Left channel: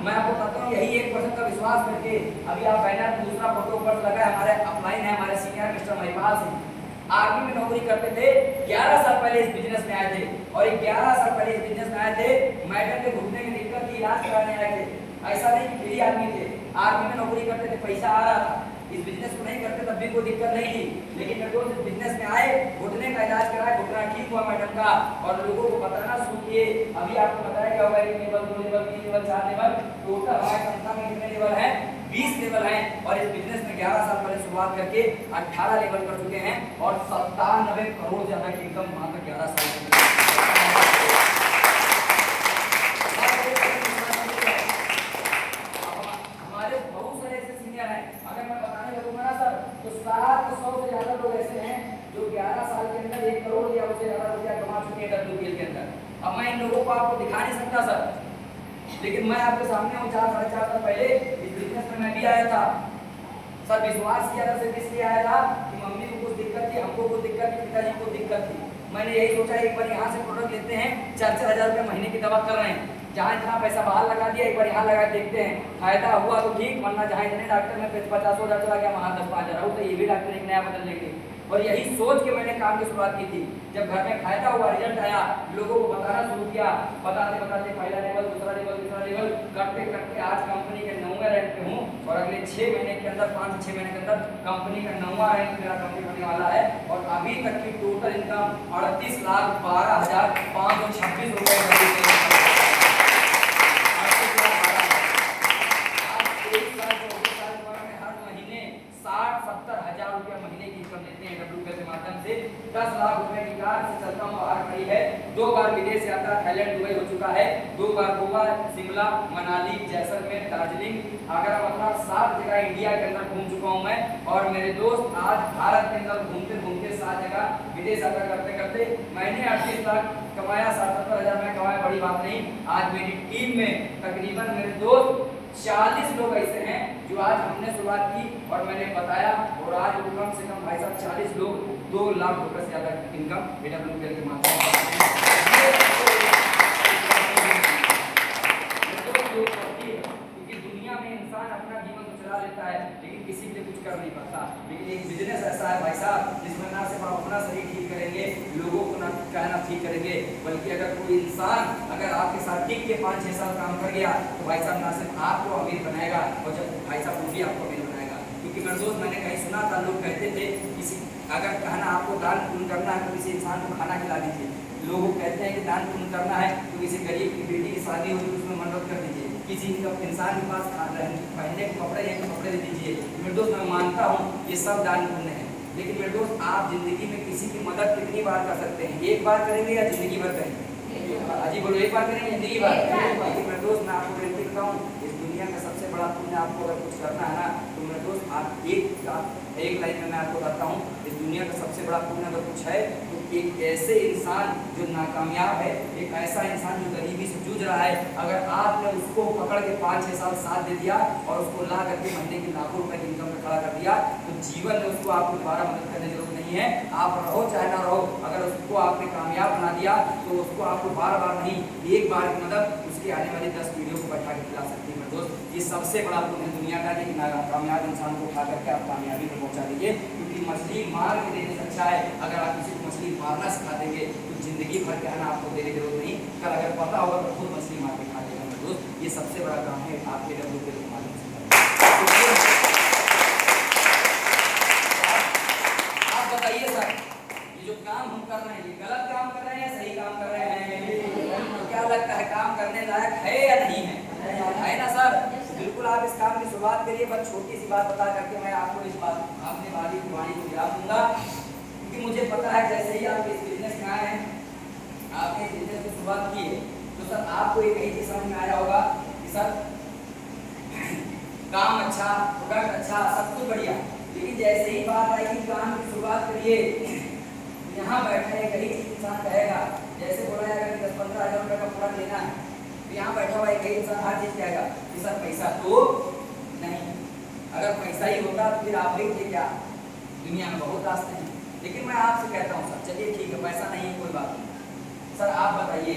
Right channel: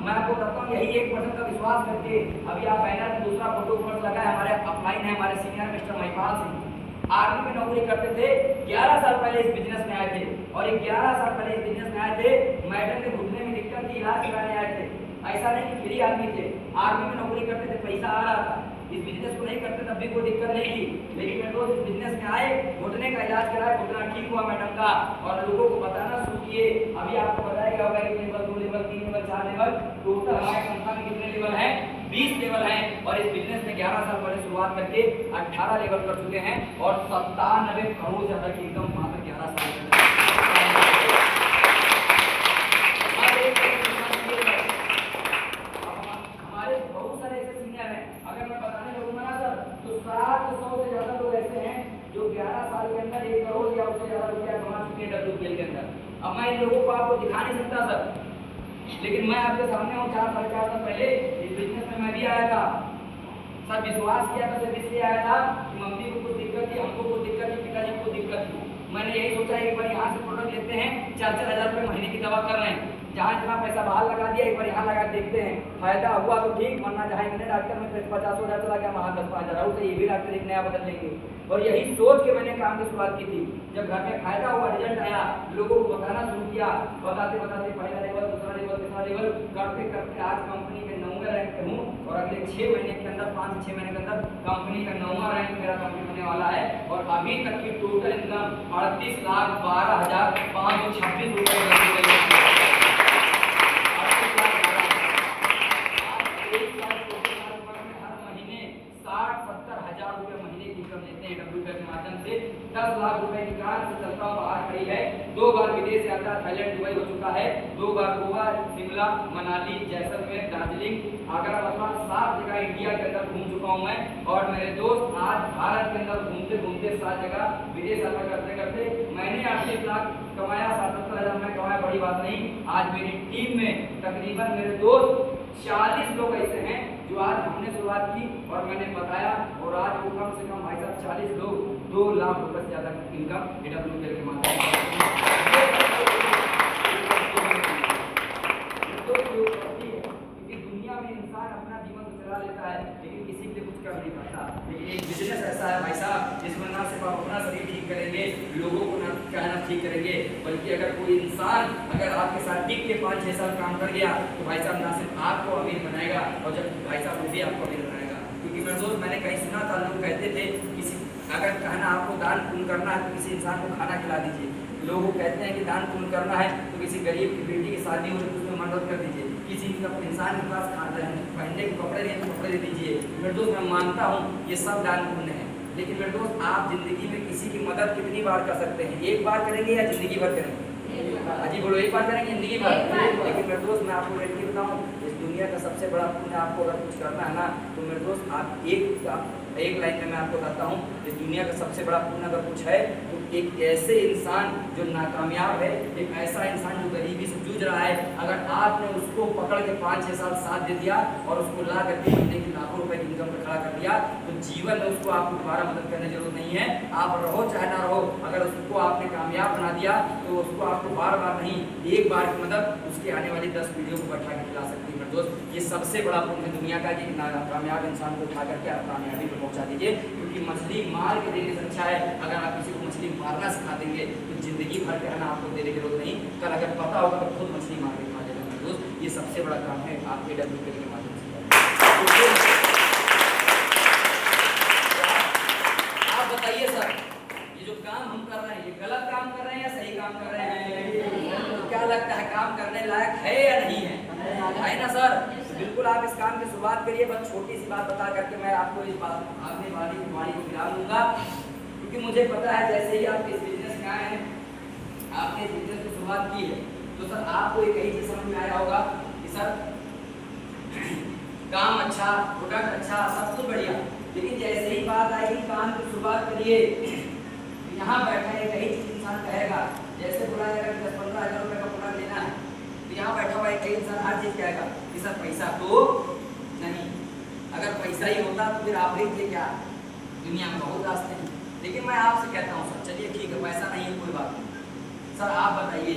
मैं आपको कहता हूँ यही 1% का विश्वास करके अभी आप बैनर में दूसरा फोटो ऊपर लगा है, हमारे अपलाइन है, हमारे senior mister Mahipal Singh army में नौकरी करते थे। 11 साल पहले इस बिजनेस में आए थे और 11 साल पहले इस बिजनेस में आए थे। मैडम के घुटने में दिक्कत थी, इलाज कराने आए थे। ऐसा नहीं कि फ्री आदमी थे, आर्मी में नौकरी करते थे, पैसा आ रहा था। इस बिजनेस को नहीं करते तब भी कोई दिक्कत नहीं थी, लेकिन मेरे दोस्त इस बिजनेस में आए, घुटने का इलाज कराए, घुटना ठीक हुआ मैडम का और लोगों को बताना शुरू किए। अभी आपको बताया गया होगा कि level 2 level 3 level 4 level total हमारे संस्था में कितने लेवल हैं? 20 लेवल हैं और इस बिजनेस में 11 साल पहले शुरुआत करके 18 लेवल कर चुके हैं और 97 करोड़ ज्यादा की इनकम वहां पर 11 साल के हमारे बहुत सारे ऐसे सीनियर हैं, अगर मैं बताने लगूंगा ना सर तो 700 से ज्यादा लोग ऐसे हैं जो 11 साल के अंदर 1 करोड़ या उससे ज्यादा रुपया कमा चुके हैं WPL के अंदर। अब मैं इन लोगों को आपको दिखा नहीं सकता सर, लेकिन मैं आपके सामने हूँ। 4 साढ़े 4 साल पहले इस बिजनेस में मैं भी आया था सर। विश्वास किया था सिर्फ इसलिए आया था कि मम्मी को कुछ दिक्कत थी, हमको कुछ दिक्कत थी, पिताजी को दिक्कत थी। मैंने यही सोचा एक बार यहाँ से प्रोडक्ट लेते हैं, 4-4 हज़ार रुपये महीने की दवा कर रहे हैं, जहाँ इतना पैसा बाहर लगा दिया एक बार यहाँ लगा देखते हैं, फायदा हुआ तो ठीक, वरना जहाँ इतने डॉक्टर में 50 हज़ार चला गया वहाँ 10-5 हज़ार, तो ये भी डॉक्टर एक नया बदल लेंगे। और यही सोच के मैंने काम की शुरुआत की थी। जब घर में फायदा हुआ, रिजल्ट आया, लोगों को बताना शुरू किया, बताते बताते पहला लेवल, दूसरा लेवल, तीसरा लेवल करते करते आज कंपनी के 9वें रैंक पे हूँ और अगले 6 महीने के अंदर 5-6 महीने के अंदर कंपनी का 9वां रैंक मेरा कंपनी बनने वाला है। और अभी तक की टोटल इनकम 38,12,526 रुपए। के माध्यम से 10 लाख रुपए की कार से चलता हूँ बाहर खड़ी है। 2 बार विदेश यात्रा थाईलैंड दुबई हो चुका है, 2 बार गोवा, शिमला, मनाली, जैसलमेर, दार्जिलिंग, आगरा, मथुरा 7 जगह इंडिया के अंदर घूम चुका हूँ मैं। और मेरे दोस्त आज भारत के अंदर घूमते घूमते 7 जगह विदेश यात्रा करते करते मैंने 38 लाख कमाया, 77 हज़ार में कमाया, बड़ी बात नहीं। आज मेरी टीम में तकरीबन मेरे दोस्त 40 लोग ऐसे हैं जो आज हमने शुरुआत की और मैंने बताया, और आज वो कम से कम भाई साहब 40 लोग 2 लाख रुपए से ज्यादा इनकम AWPL के माध्यम से। क्योंकि दुनिया में इंसान अपना जीवन तो चला लेता है लेकिन किसी के लिए कुछ कर नहीं पाता। लेकिन एक बिजनेस ऐसा है भाई साहब जिसमें ना सिर्फ आप अपना शरीर ठीक करेंगे, लोगों को ना कहना ठीक करेंगे, बल्कि अगर कोई इंसान अगर आपके साथ टिक के 5-6 साल काम कर गया तो भाई साहब ना सिर्फ आपको अमीर बनाएगा और जब भाई साहब वो भी आपको अमीर बनाएगा। क्योंकि मेरे दोस्त मैंने कहीं सुना था, लोग कहते थे किसी अगर कहना आपको दान पुण्य करना है तो किसी इंसान को खाना खिला दीजिए। लोग कहते हैं कि दान पुण्य करना है तो किसी गरीब की बेटी की शादी हो तो उसमें मदद कर दीजिए, किसी इंसान के पास पहनने को कपड़े नहीं तो कपड़े दे दीजिए। मेरे दोस्त मैं मानता हूँ ये सब दान पुण्य है, लेकिन मेरे दोस्त आप जिंदगी में किसी की मदद कितनी बार कर सकते हैं? एक बार करेंगे या जिंदगी भर करेंगे? अजी बोलो, एक बार करेंगे जिंदगी भर? लेकिन मेरे दोस्त मैं आपको गारंटी देता हूँ इस दुनिया का सबसे बड़ा पुण्य आपको अगर कुछ करना है ना तो मेरे दोस्त आप एक लाइन में मैं आपको बताता हूँ, इस दुनिया का सबसे बड़ा पुण्य अगर कुछ है तो एक ऐसे इंसान जो नाकामयाब है, एक ऐसा इंसान जो गरीबी से जूझ रहा है, अगर आपने उसको पकड़ के 5-6 साल साथ दे दिया और उसको ला करके बंदे की लाखों रुपए की इनकम पर खड़ा कर दिया तो जीवन में उसको आपको दोबारा मदद करने की जरूरत नहीं है। आप रहो चाहे ना रहो, अगर उसको आपने कामयाब बना दिया तो उसको आपको बार बार नहीं एक बार की मदद उसकी आने वाली 10 पीढ़ियों को बैठा के खिला सकती है। दोस्त ये सबसे बड़ा पुण्य दुनिया का कि कामयाब इंसान को उठा करके आप कामयाबी को पहुंचा दीजिए। क्योंकि मछली मार के देने से अच्छा है अगर आप किसी को मछली मारना सिखा देंगे तो जिंदगी भर कहना आपको देने की जरूरत नहीं, कल अगर पता होगा तो खुद मछली मार के खा देगा। मेरे दोस्त ये सबसे बड़ा काम है आपके AWPL के माध्यम से। आप बताइए सर, ये जो काम हम कर रहे हैं ये गलत काम कर रहे हैं या सही काम कर रहे हैं? क्या लगता है काम करने लायक है या नहीं है? है ना सर? बिल्कुल आप इस काम की शुरुआत करिए। बस छोटी सी बात बता करके मैं आपको इस बात अपने वाली की वाणी को विराम दूंगा, क्योंकि मुझे पता है जैसे ही आप इस बिजनेस में आए हैं, आपने इस बिजनेस की शुरुआत की है तो सर आपको एक ही चीज समझ में आया होगा कि सर काम अच्छा, प्रोडक्ट अच्छा, सब कुछ बढ़िया, लेकिन जैसे ही बात आएगी काम की शुरुआत करिए, यहाँ बैठा है कई चीज इंसान कहेगा, जैसे बोला जाएगा कि 10-15 हज़ार रुपये का प्रोडक्ट लेना है तो यहाँ बैठा हुआ एक इंसान हर चीज कहेगा कि सर पैसा तो नहीं। अगर पैसा ही होता तो फिर आप भी थे क्या? दुनिया में बहुत रास्ते हैं। लेकिन मैं आपसे कहता हूँ सर चलिए ठीक है पैसा नहीं है कोई बात नहीं, सर आप बताइए